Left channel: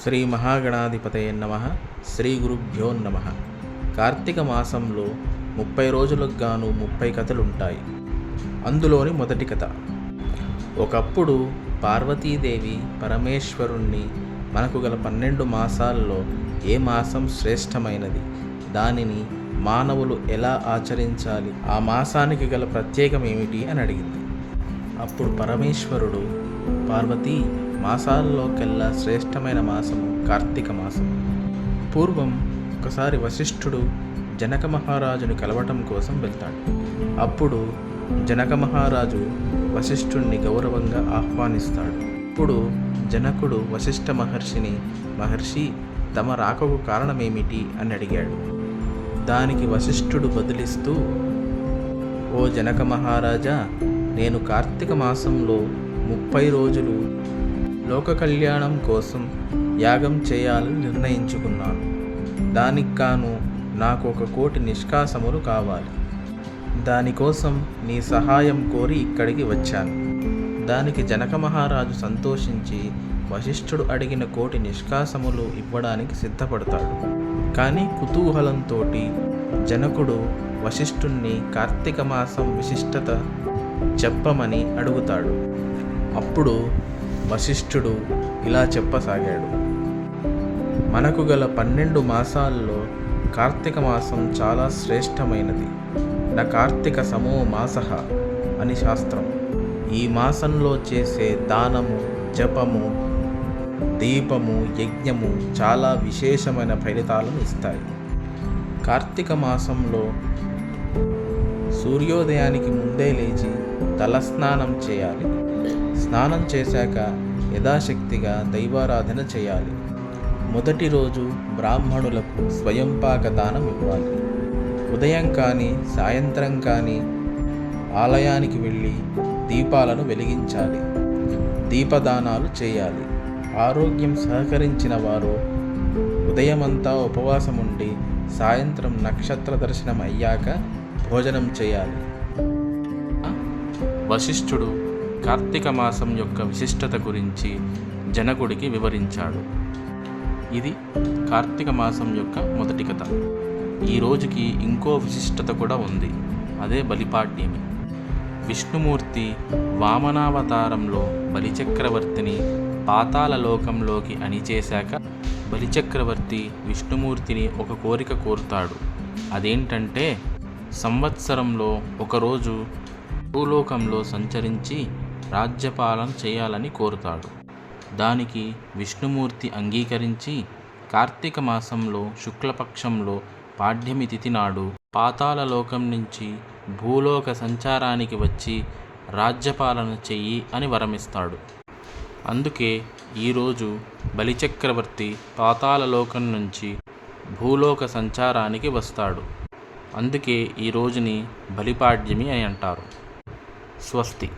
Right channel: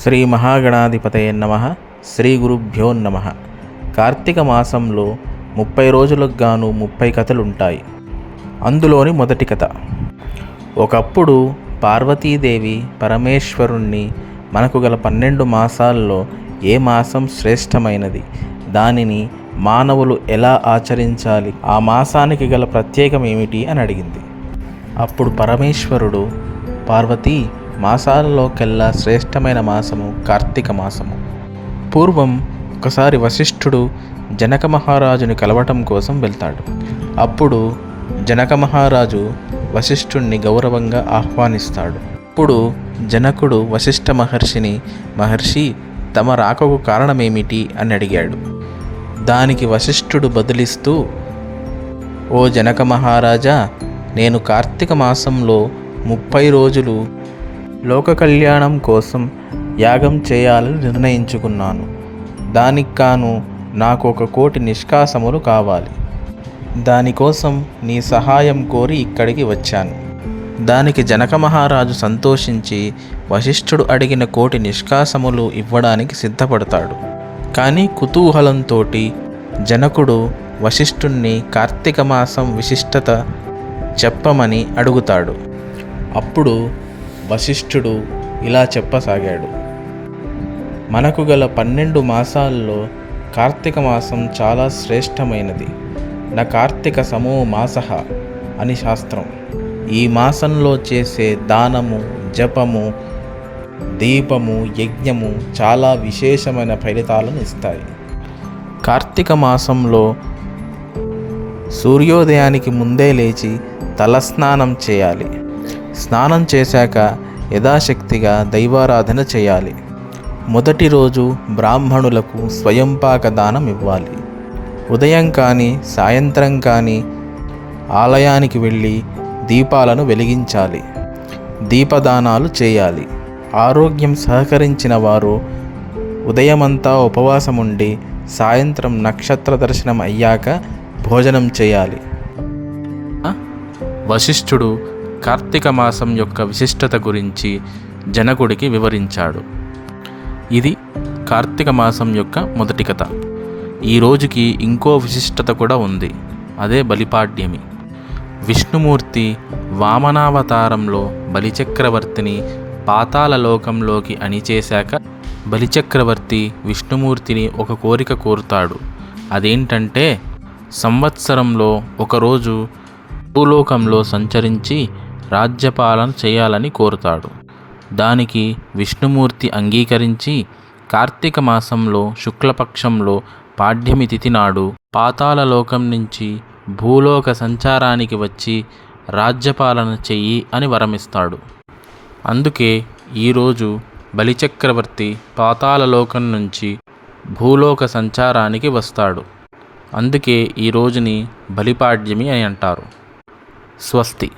శ్రీ మహాగణాధిపతయే నమః. శ్రీ గురుభ్యో నమః. కార్తీక మాసంలో 30 రోజులకు గాను 30 కథలుంటాయి. అందులోని మొదటి కథ. ఒకప్పుడు పార్వతీదేవి పరమేశ్వరుణ్ణి మనకు గల 12 మాసాల్లో ఏ మాసం శ్రేష్టమైనది, దానిని మానవులు ఎలా ఆచరించాలి, ఆ మాసానికి గల ప్రత్యేకం ఏమిటి అని అడిగింది. అప్పుడు పరమేశ్వరుడు, పార్వతీ, మాసాలలోకెల్లా శ్రేష్టమైన మాసము కార్తీక మాసము. పూర్వం ఒకసారి వశిష్ఠుడు జనక మహారాజుని కలవటం కోసం వెళ్తాడు. అప్పుడు జనక మహారాజు వశిష్ఠుణ్ణి గౌరవంగా ఆహ్వానిస్తాడు. అప్పుడు జనకుడు వశిష్ఠ మహర్షిని, మహర్షి, తమ రాకకు కారణమేమిటి అని అడిగాడు. దానికి వశిష్ఠుడు బదులిస్తూ, ఓ జనక మహారాజా, నేను కార్తీక మాసంలో 30 రోజులు లోక కళ్యాణం కోసం యాగం చేయాలని నిర్ణయించుకున్నాను. దానికి గాను నాకు 1 కోటి నిష్కాసములు కావాలి. దానికోసం నీ సహాయం కోరి ఇక్కడికి వచ్చాను. దానికి జనక మహారాజు సంతోషించి వశిష్ఠుడు అడిగిన 1 కోటి నిష్కాసములు ఇవ్వడానికి సిద్ధపడతాడు. కానీ కుతూహలంతో జనకుడు వశిష్ఠుణ్ణి కార్తీక మాసం విశిష్టత చెప్పమని అడుగుతాడు. అప్పుడు వశిష్ఠుడు ఇలా చెప్పసాగాడు. మనకు గల 12 మాసాల్లో కార్తీక మాసం చాలా శ్రేష్టమైనది. నా కార్తీక సమో మాసః అని శాస్త్రం. ఈ మాసంలో చేసే దానము, జపము, దీపము, యజ్ఞము చాలా విశేషమైన ఫలితాలను ఇస్తాయి. కార్తీక మాసంలో సూర్యోదయానికి ముందే లేచి తలస్నానం చేయాలి. స్నానం చేశాక యథాశక్తిగా దైవారాధన చేయాలి. మొదటి రోజు బ్రాహ్మణులకు స్వయంపాక దానం ఇవ్వాలి. ఉదయం కానీ సాయంత్రం కానీ ఆలయానికి వెళ్ళి దీపాలను వెలిగించాలి. దీపదానాలు చేయాలి. ఆరోగ్యం సహకరించిన వారు ఉదయమంతా ఉపవాసం ఉండి సాయంత్రం నక్షత్ర దర్శనం అయ్యాక భోజనం చేయాలి. వశిష్ఠుడు కార్తీక మాసం యొక్క విశిష్టత గురించి జనకుడికి వివరించాడు. ఇది కార్తీక మాసం యొక్క మొదటి కథ. ఈ రోజుకి ఇంకో విశిష్టత కూడా ఉంది. అదే బలిపాడ్యమి. విష్ణుమూర్తి వామనావతారంలో బలిచక్రవర్తిని పాతాళ లోకంలోకి అణిచేశాక బలిచక్రవర్తి విష్ణుమూర్తిని 1 కోరిక కోరుతాడు. అదేంటంటే, సంవత్సరంలో 1 రోజు భూలోకంలో సంచరించి రాజ్యపాలన చేయాలని కోరుతాడు. దానికి విష్ణుమూర్తి అంగీకరించి కార్తీక మాసంలో శుక్లపక్షంలో పాడ్యమి తిథి నాడు పాతాళలోకం నుంచి భూలోక సంచారానికి వచ్చి రాజ్యపాలన చెయ్యి అని వరమిస్తాడు. అందుకే ఈరోజు బలిచక్రవర్తి పాతాళలోకం నుంచి భూలోక సంచారానికి వస్తాడు. అందుకే ఈ రోజుని బలిపాడ్యమి అని అంటారు. స్వస్తి.